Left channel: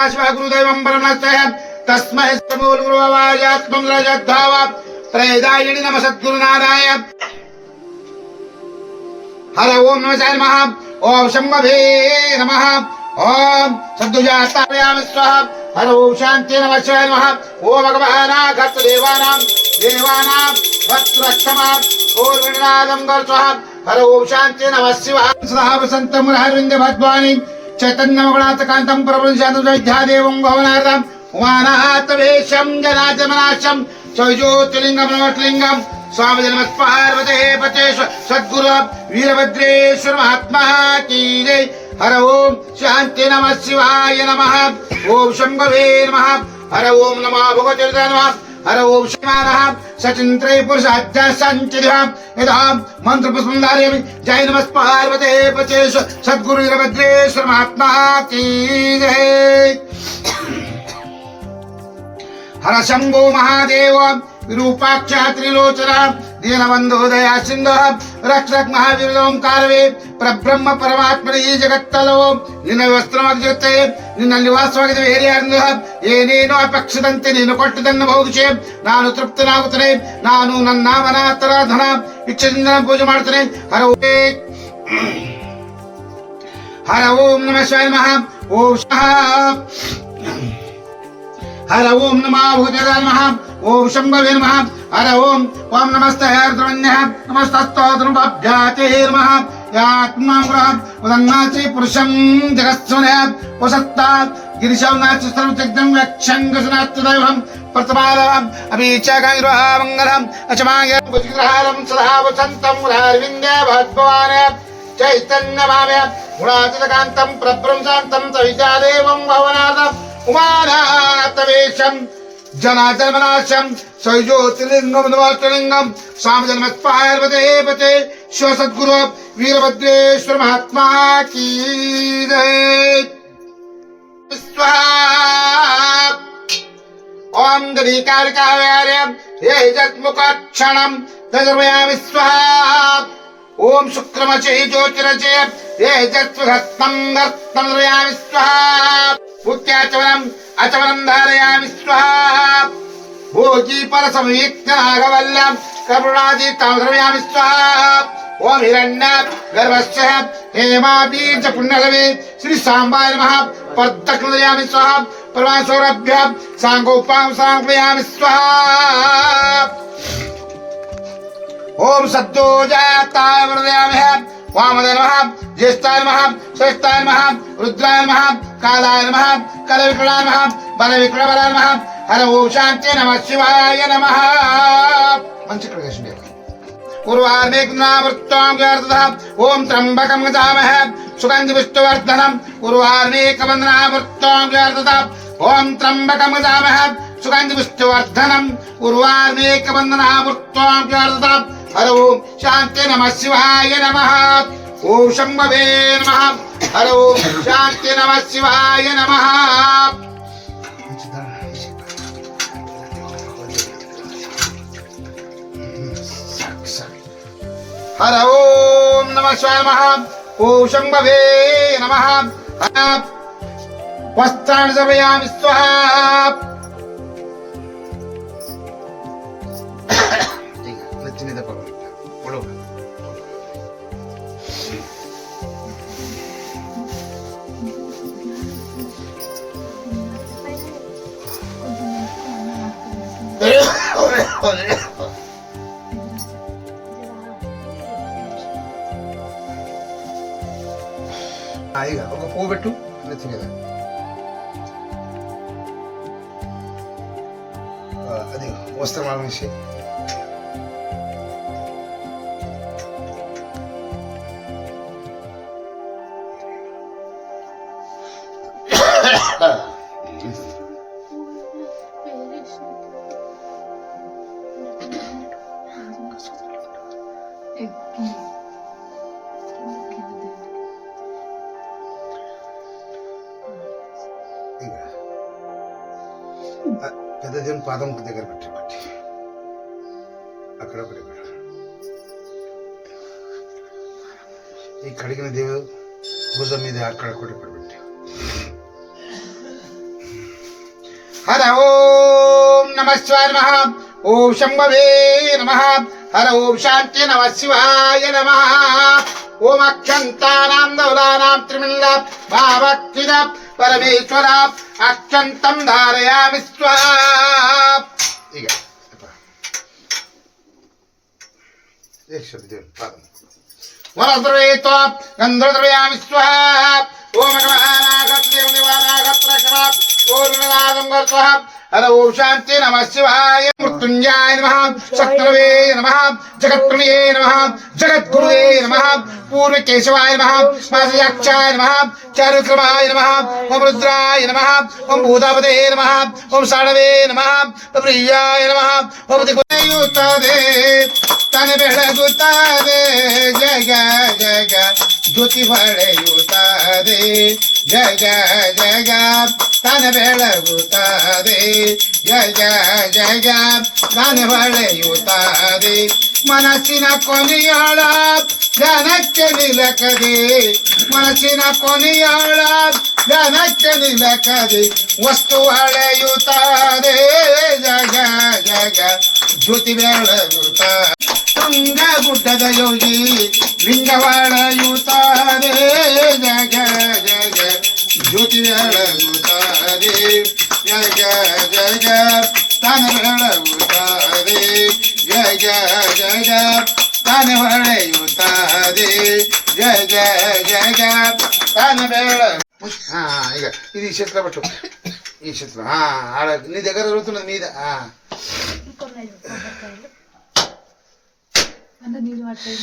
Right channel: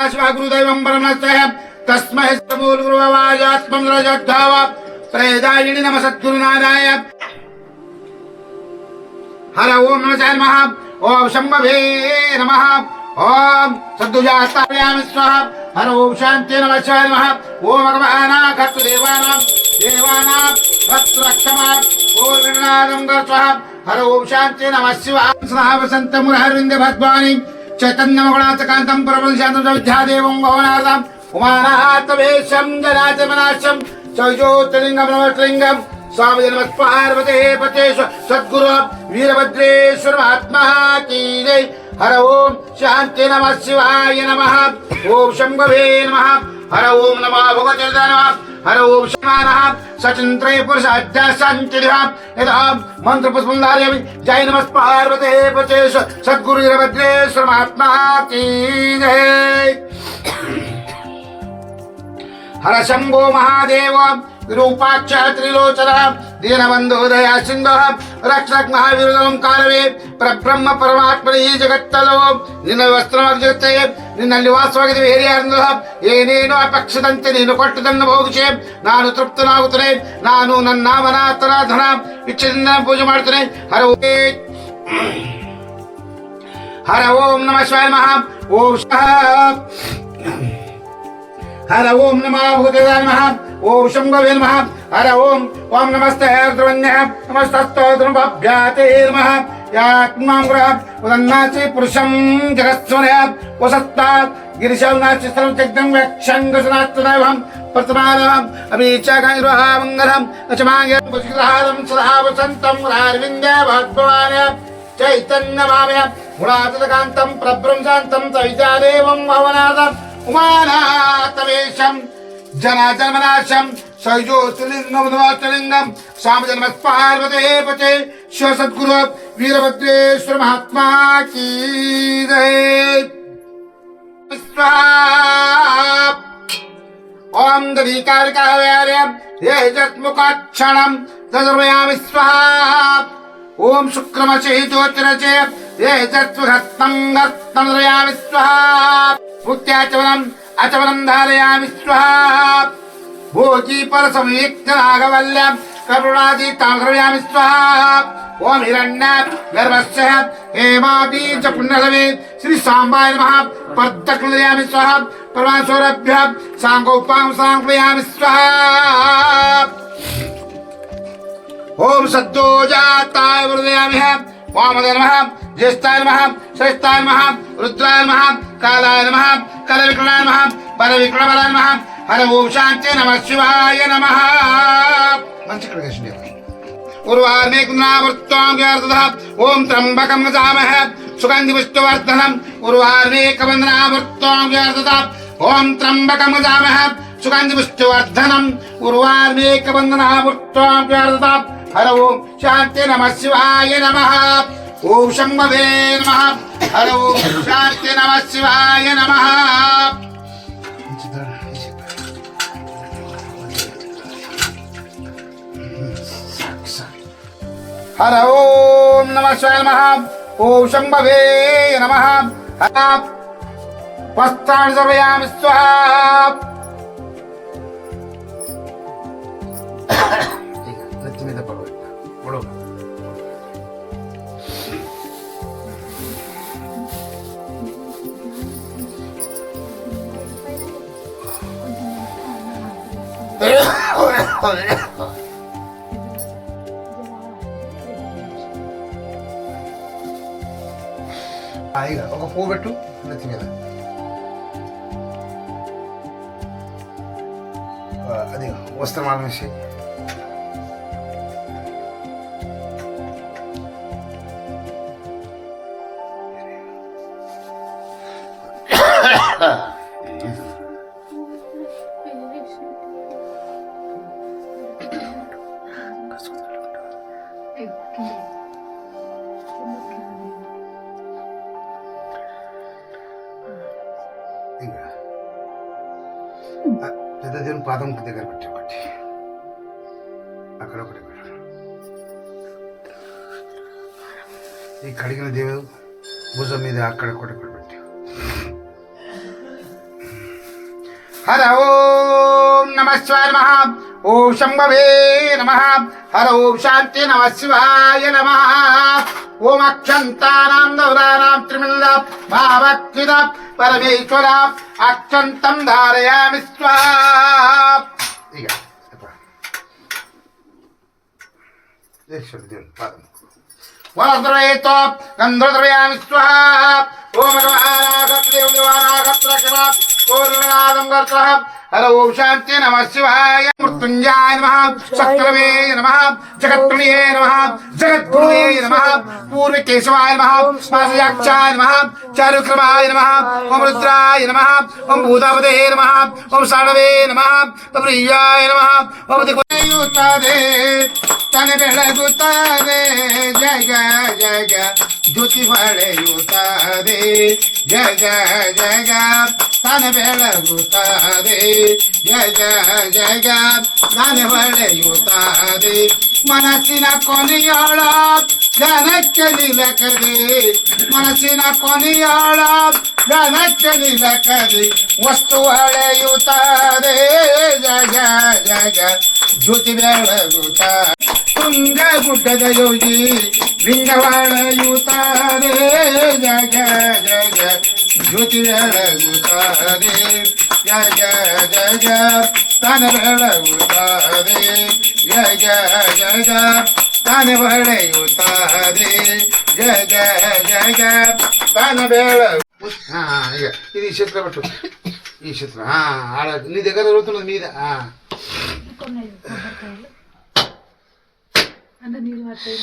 गुरुदेवं परमस्य तस्मै मूलगुरुवाजात्मं रजद्धाव प्रेदायिनि नमः सद्गुरुनाराय हर ओम नमः नमः ओम शंभवे नमः ओम सद्दुजातायामि स्वाहा हर ओम शांति नमः शिवाय नमः ओम भगवानाघत देवानां भक्तरक्षमा ओम गणनादं गर स्वाहा हर ओम शांति नमः शिवाय सदा वसंत मुरहरविंद भगवानी चैतन्यमगुणात्मकान्तं परमशान्तं विद्यादेवं भवनार्थम् उमानाथवेशं जनार्दननाशं ज्योतिर्लिङ्गं नमस्लिङ्गं स्वामी नमः पार्वते पतेश्वर सद्गुरु वीरभद्रेश्वर महात्मा की जय हर ओम शांति नमः शिवाय नमः ओम शंभवे नमः हर ओम नमः भगवते नमः हर ओम शिवानः सचिन्त्रय पुरुषाध्यासञ्चिदः यदा मंत्रपुष्पं धारयामि जय नमः पार्वते पतेश्वर सद्गुरु वीरभद्रेश्वर महात्मा की जय हर शंभो महादेव विरूपाक्ष त्रिलोचन दीनबंधो दया सिंधु रक्षक महावीर कालवे परब्रह्म परमात्मने जगತ್ತलो ನಿನ್ನ ವಸ್ತ್ರವಾಗಿದೆ ನಿನ್ನ ನಿವಾಸವಾಗಿದೆ ಬೇರೆ ಯಾರು ಏನೇನೋ ಅಪೇಕ್ಷದಂತೆ ನೀನು ಕೊಟ್ಟದನ್ನು ಭೋಗಿಸಿ ನಾನು ತೃಪ್ತನಾಗುತ್ತೇನೆ ನಾನು ನನ್ನ ನಾಮನ ತರಾಧನ ಇಚ್ಛೆಯಿಂದ ಪೂಜೆ ಮಾಡುತ್ತೇನೆ ಹರ ಓಂ ನಮಃ ಶಿವಾಯ ನಮಃ ಓಂ हर ओम नमः भगवते नमः ओम शंभवे नमः हर ओम ओम नमस्ते हरद्रवन्यः नमस्तस्तोत्रभ्याते नमः यात्मां ग्रह उदन्नाचि पुरुषं जगत्स्वनः वसत्ता गिरिशवनाचि सर्वत्यग्नं व्यक्षङ्गसनात्तदैवं प्रतमालम् अभिचगैर्वहामङ्गलम् अचमाय भुजग्रहारं सदा वसन्तं मुरारविन्दे भगवान् चैतन्यभावे गुणातीतकान्तं प्रब्रह्मशान्तं सविद्यादेवं भवनाथम् उमानाथवेशं जनार्दननाशं ज्योतिर्लिङ्गं नमस्लिङ्गं स्वामी नमः पार्वते पते शिव सद्गुरु वीरभद्रेश्वर महात्मा की जय ओम गणिकारकार्यं हे जत्मुखक्षणं तदर्वयामि स्वाहा ओम शुक्रमचे ज्योतिरचे हे जत्वघत्तं गर्तं दर्वयामि स्वाहा पुत्याचवरम् अचवरं धारयामि स्वाहा भोजी परसंयुक्तनागवल्यं करुणादीतां द्रवयामि स्वाहा ओम हिरण्यः गर्भस्य हेमाबीज पुण्यलवे श्री सांबाय नमः पर्दकं द्रवयामि स्वाहा परमासौरभ्यः सांगोपां समर्पयामि स्वाहा ओम सद्दोजाताय वरदयामि वामदेवाय नमः ज्येष्ठाय नमः श्रेष्ठाय नमः रुद्राय नमः कालाय नमः कलविक्रमाय नमः बलविक्रमाय नमः हर ओम शांति नमः शिवाय नमः मंच कृष्ण उर्वार्मेकनामृत्वां व्यार्तः ओम त्र्यंबकं गजामहे सुगन्धिपुष्टवर्धनम् उर्वार्मेकवन्दनामृत्वां व्यार्तः ओम त्र्यंबकं गजामहे सुगन्धिपुष्टवर्धनम् उर्वार्मेकवन्दनामृत्वां व्यार्तः हर ओम शांति नमः शिवाय नमः ओम शंभवे नमः हर ओम शांति नमः शिवाय नमः हर ओम नमः शिवाय नमः ओम शंभवे नमः वस्त्राणि सर्वयामि स्वाहा ఇక ఒక పువ్వు పెట్టు నెత్తి మీద అది వస్త్రమాల వేసి పెద్ద దేవుని పాదం దగ్గర పెట్టి అక్కడ ఒకటి ఈ కడిగిన దేవుడు భుజం మీద అక్కడ ఒకటి ఇక్కడ పెట్టి హర ఓం నమ శివాయ నమ ఓం శంభవే నమ హర ఓం శాంతి నమ శివాయ నమ ఓం అక్షంతానాం దౌరానాం త్రిమిల్ల భావక్తిద పరమేశ్వర అక్షంతం ధారయామి స్వాహా ఇక వరద్రవేతో గంధర్వయామి స్వాహా ఓం హర ఓం శాంతి నమ శివాయ మృత్యుంజాయ నమ శక్రవే నమ జగత్ప్రణయే నమ జగద్గురువే నమ పూర్వకేశవాయ నమ పాదయాక్షాయ నమ చారుక్రమాయ నమ ఓం రుద్రాయ నమ ఓం భూతాపదే నమ ఓం సాణవే నమ ప్రియాయ నమ ఓం దిగుయుతదే ತನ ಬೆಳಗುತ್ತದೆ ಜಗ ಜಗ ಜ್ಯೋತಿ ಹೊಳೆಯುತ್ತದೆ ಜಗ ಜಗ ತನ ಬೆಳಗುತ್ತದೆ ಜಗ ಜಗ ತನ ಹೊಳೆಯುತ್ತದೆ ಮನಸ್ಸಿನ ಕೊನೆಯೋಳ ಜನಕ್ಕೆ ನಿಲಕದೆ ಮನಸ್ಸಿನ ಕೊನೆಯೋಳ ಜನಕ್ಕೆ ನಿಲಕದೆ ವಸ್ತು ಹೊಳೆಯುತ್ತದೆ ಜಗ ಜಗ ಜ್ಯೋತಿ ಬೆಳಗುತ್ತದೆ ತುಂಗ ಗುಡ್ಡದ ಯೋಗಿ ಲಿಂಗವಾಳೆಯುತ್ತಾರೆ ಜಗ ಜಗ ಜ್ಯೋತಿ ಬೆಳಗುತ್ತಾರೆ ಜಗ ಜಗ ತಾನ ಬೆಳಗುತ್ತಾರೆ ಜಗ ಜಗ ತಾನ ಹೊಳೆಯುತ್ತಾರೆ ಜಗ ಜಗ ತಾನ ಬೆಳಗು ఇక ఇది ఈ చేతిలో పెట్టు ఈ చేతిలో ఆడ నీ దగ్గర దొరుకుతున్నది మీద అంటే నీళ్ళు పట్టాయి